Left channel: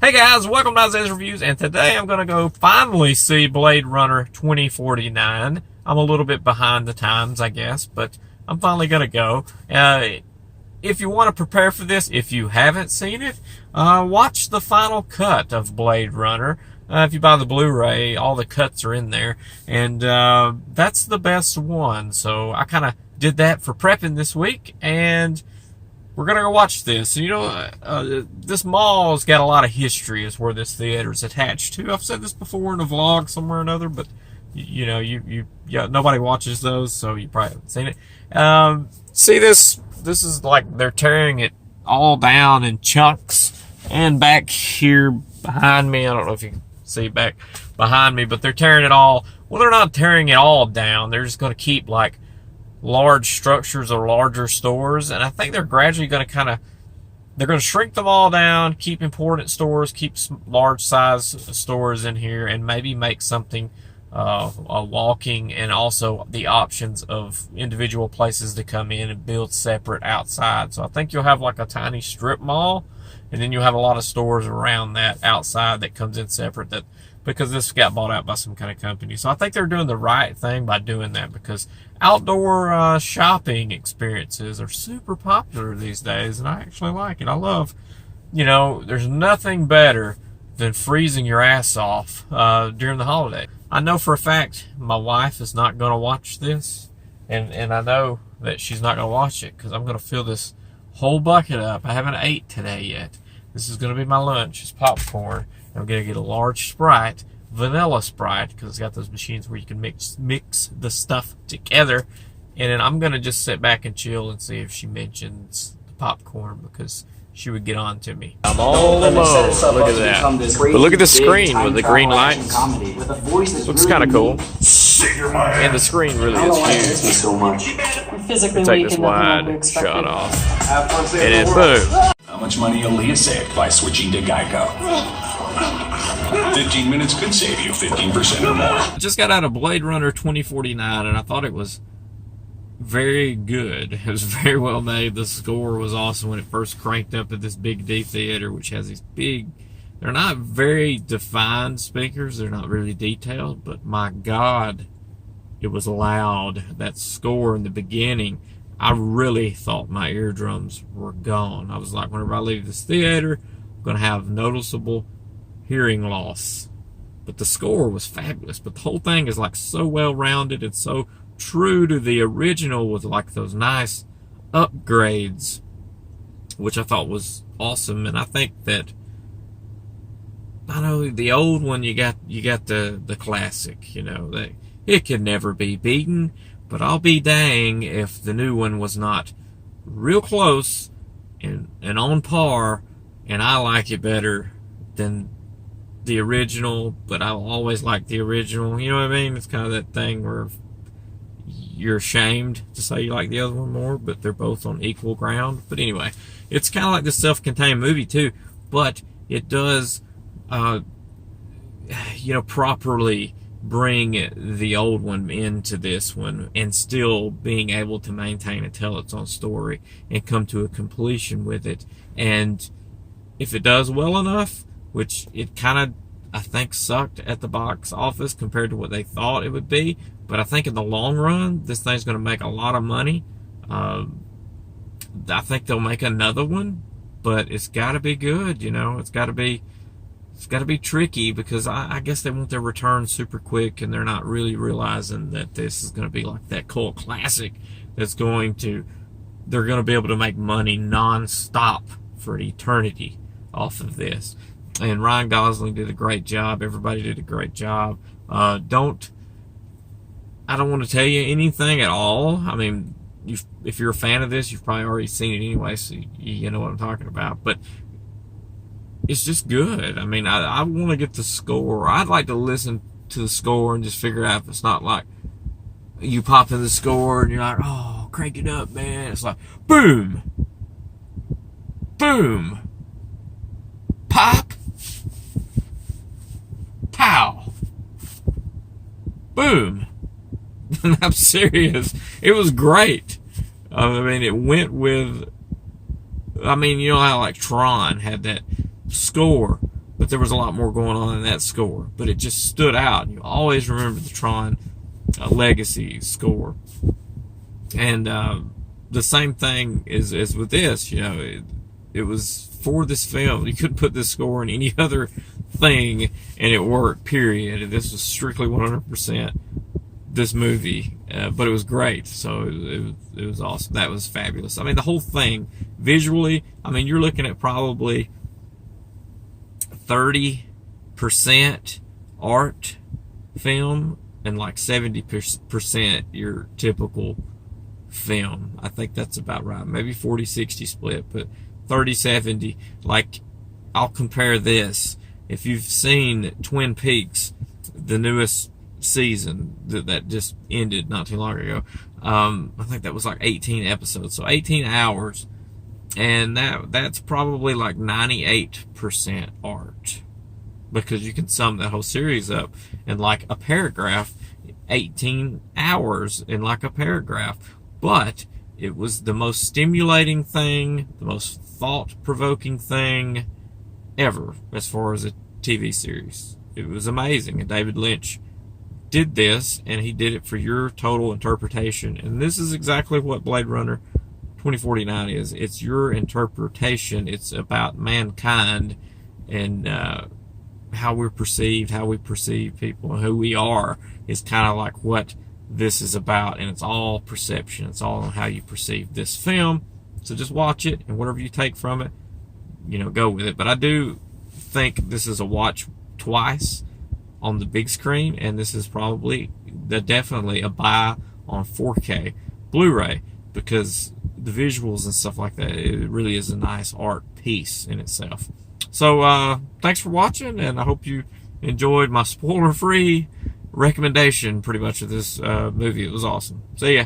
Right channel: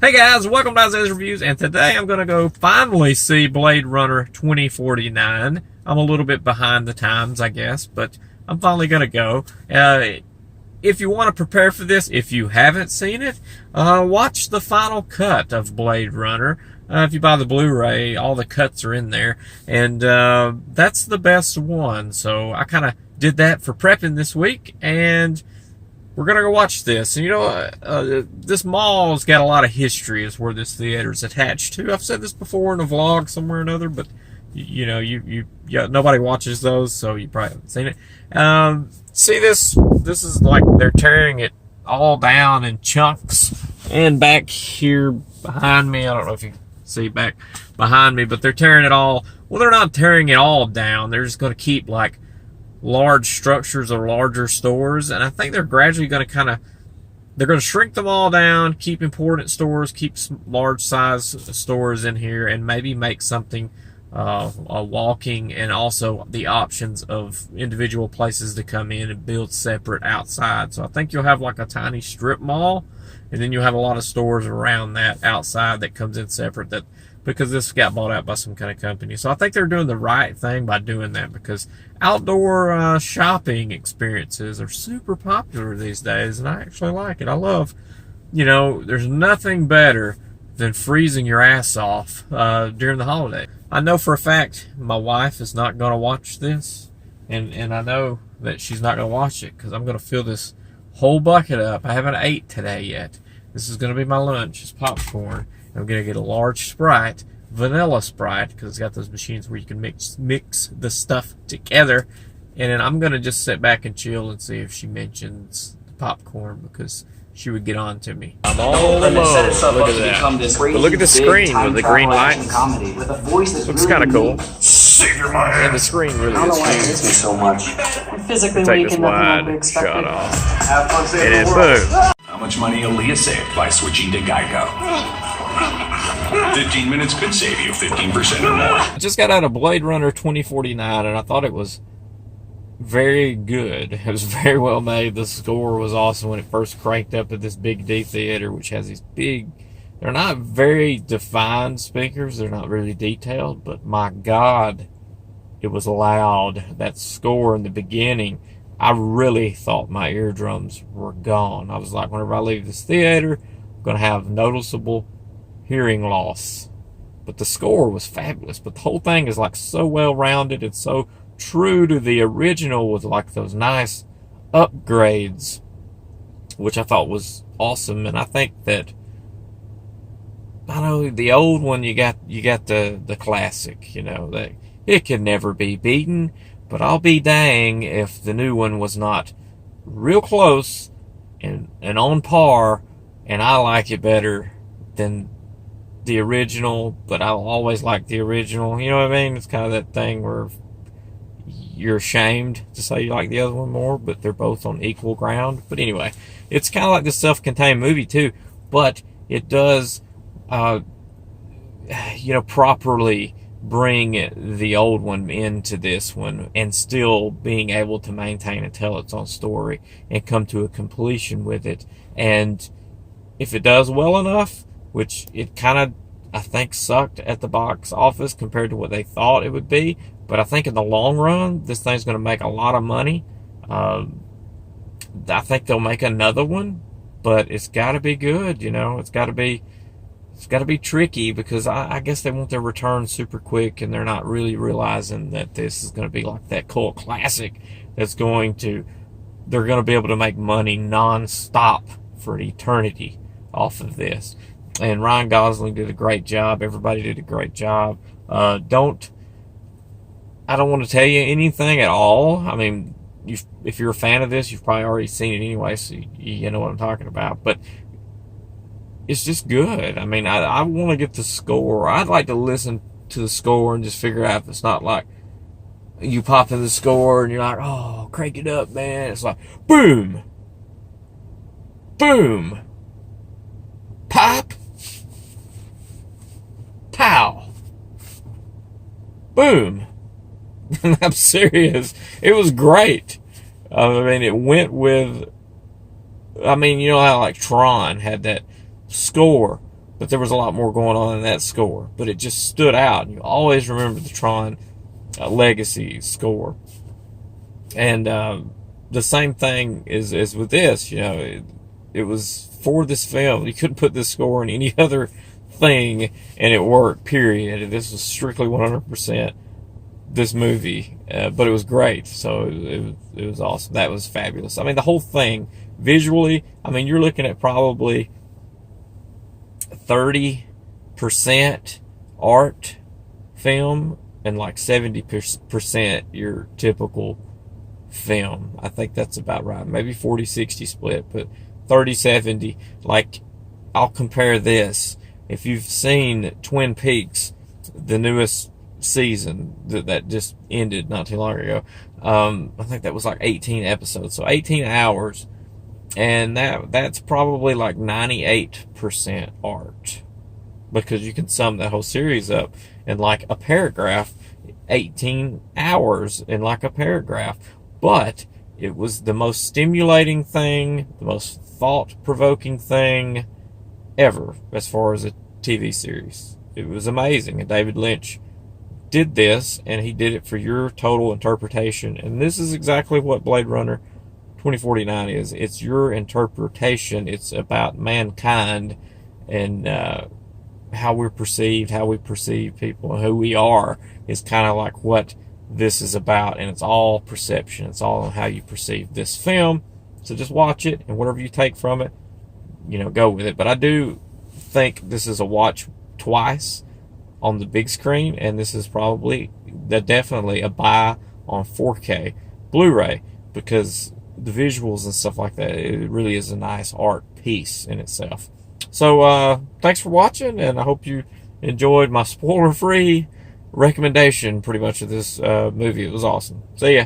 Hey guys, welcome to Isaiah's Reviews, and today I'm going to go finally see Blade Runner 2049. I'm a little bit behind the times, I guess, but I'm finally going to go. If you want to prepare for this, if you haven't seen it, watch the final cut of Blade Runner. If you buy the Blu-ray, all the cuts are in there, and that's the best one. So I kind of did that for prepping this week, and we're going to go watch this. And, you know, this mall's got a lot of history is where this theater's attached to. I've said this before in a vlog somewhere or another, but, you know, nobody watches those, so you probably haven't seen it. See this? This is like they're tearing it all down in chunks. And back here behind me, I don't know if you can see back behind me, but they're tearing it all. Well, they're not tearing it all down. They're just going to keep, like, large structures or larger stores, and I think they're gradually going to they're going to shrink them all down, keep important stores, keep large size stores in here, and maybe make something walking, and also the options of individual places to come in and build separate outside. So I think you'll have like a tiny strip mall, and then you'll have a lot of stores around that outside that comes in separate, that because this got bought out by some kind of company. So I think they're doing the right thing by doing that, because outdoor shopping experiences are super popular these days, and I actually like it. I love, you know, there's nothing better than freezing your ass off during the holiday. I know for a fact my wife is not going to watch this, and I know that she's not going to watch it because I'm going to fill this whole bucket up. I haven't ate today yet. This is going to be my lunch. It's popcorn. I'm going to get a large Sprite, vanilla Sprite, because it's got those machines where you can mix the stuff together. And then I'm going to just sit back and chill and see if she mentions the popcorn, because she would get on to me. I'm all alone. Look at that. But look at the screen with the green lights. Looks kind of cool. And the screen really is huge. So much. Take this wide shot off. And then boom. How much money will Leah save by switching to Geico? 15 minutes could save you 15% or more. I just got out of Blade Runner 2049, and I thought it was very good. It was very well made. The score was awesome when it first cranked up at this Big D theater, which has these big, they're not very defined speakers. They're not really detailed, but my God, it was loud. That score in the beginning, I really thought my eardrums were gone. I was like, whenever I leave this theater, I'm going to have noticeable hearing loss. But the score was fabulous. But the whole thing is like so well rounded and so true to the original, with like those nice upgrades, which I thought was awesome. And I think that, I know the old one, you got the classic, you know, that it could never be beaten. But I'll be dang if the new one was not real close and on par, and I like it better than the original, but I'll always like the original. You know what I mean? It's kind of that thing where you're ashamed to say you like the other one more, but they're both on equal ground. But anyway, it's kind of like this self-contained movie too, but it does, you know, properly bring the old one into this one, and still being able to maintain and tell its own story and come to a completion with it. And if it does well enough, which it kind of, I think, sucked at the box office compared to what they thought it would be, but I think in the long run, this thing's going to make a lot of money. I think they'll make another one, but it's got to be good, you know. It's got to be tricky, because I guess they want their return super quick, and they're not really realizing that this is going to be like that cult classic that's they're going to be able to make money non-stop for an eternity off of this. And Ryan Gosling did a great job. Everybody did a great job. I don't want to tell you anything at all. I mean, if you're a fan of this, you've probably already seen it anyway, so you know what I'm talking about. But it's just good. I mean, I want to get the score. I'd like to listen to the score and just figure out if it's not like you pop in the score and you're like, oh, crank it up, man. It's like, boom, boom, pop, pow, boom. I'm serious. It was great. I mean, it went with, I mean, you know how like Tron had that score but there was a lot more going on in that score. But it just stood out. You always remember the Tron Legacy score. And the same thing is with this. You know, it was for this film. You couldn't put this score in any other thing, and it worked, period. This was strictly 100% this movie, but it was great. So it was awesome. That was fabulous. I mean, the whole thing, visually, I mean, you're looking at probably 30% art film and like 70% your typical film. I think that's about right. Maybe 40-60 split, but 30-70. Like, I'll compare this. If you've seen Twin Peaks, the newest season that just ended not too long ago, I think that was like 18 episodes, so 18 hours, and that's probably like 98% art, because you can sum that whole series up in like a paragraph. 18 hours in like a paragraph, but it was the most stimulating thing, the most thought-provoking thing ever as far as a TV series. It was amazing, and David Lynch did this, and he did it for your total interpretation. And this is exactly what Blade Runner 2049 is. It's your interpretation. It's about mankind and how we're perceived, how we perceive people, and who we are is kind of like what this is about. And it's all perception. It's all on how you perceive this film. So just watch it, and whatever you take from it, you know, go with it. But I do think this is a watch twice on the big screen, and this is probably definitely a buy on 4K Blu-ray, because the visuals and stuff like that, it really is a nice art piece in itself. So thanks for watching, and I hope you enjoyed my spoiler-free recommendation pretty much of this movie. It was awesome. See ya.